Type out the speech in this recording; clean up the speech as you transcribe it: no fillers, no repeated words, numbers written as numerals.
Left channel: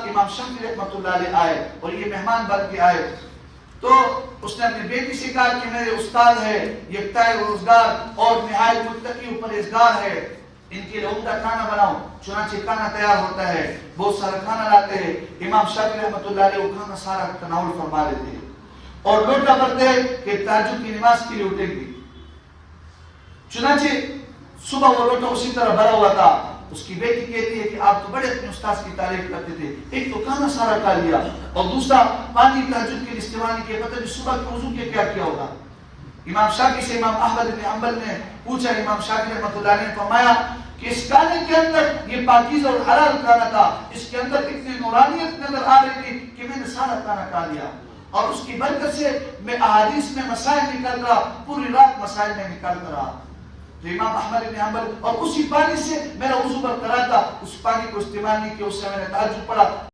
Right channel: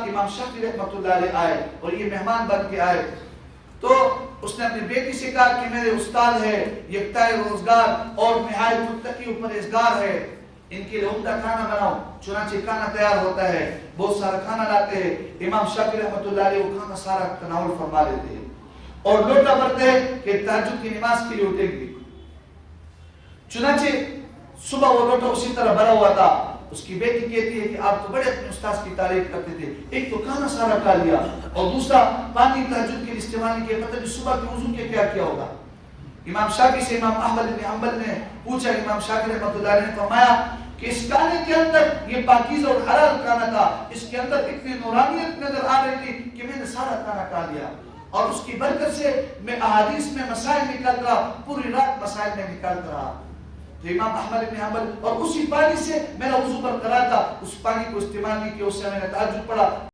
بعد امام شافعی رحمۃ اللہ علیہ آئے اور یہ مہمان بن کے آئے، تو اس نے اپنی بیٹی سے کہا کہ میرے استاد ہے، یکتا روزگار اور نہایت متقی و پرہیزگار ہے، ان کے لیے عمدہ کھانا بناؤ۔ چنانچہ کھانا تیار ہوتا ہے، بہت سارا کھانا لاتے ہیں، امام شافعی رحمۃ اللہ علیہ وہ کھانا سارا تناول فرما لیتے ہیں اور لوٹا بھرتے ہیں کہ تہجد کی نماز کے لیے اٹھیں گے۔ چنانچہ صبح وہ لوٹا اسی طرح بھرا ہوا تھا۔ اس کی بیٹی کہتی ہے کہ آپ تو بڑے اپنے استاد کی تعریف کرتے تھے، ایک تو کھانا سارا کھا لیا اور دوسرا پانی تہجد کے لیے استعمال نہیں کیا، پتہ نہیں صبح کے وضو کے کیا کیا ہوگا۔ امام شافعی سے امام احمد بن حنبل نے پوچھا، امام شافعی رحمۃ اللہ علیہ نے فرمایا کہ اس کھانے کے اندر یہ پاکیزہ اور حلال کھانا تھا، اس کے اندر اتنی نورانیت نظر آ رہی تھی کہ میں نے سارا کھانا کھا لیا، اور اس کی برکت سے میں احادیث میں مسائل نکال رہا، پوری رات مسائل میں نکالتا رہا۔ جو امام احمد بن حنبل، اور اسی پانی سے میرا وضو برقرار تھا، اس پانی کو استعمال نہیں کیا، اس سے میں نے تہجد پڑھا۔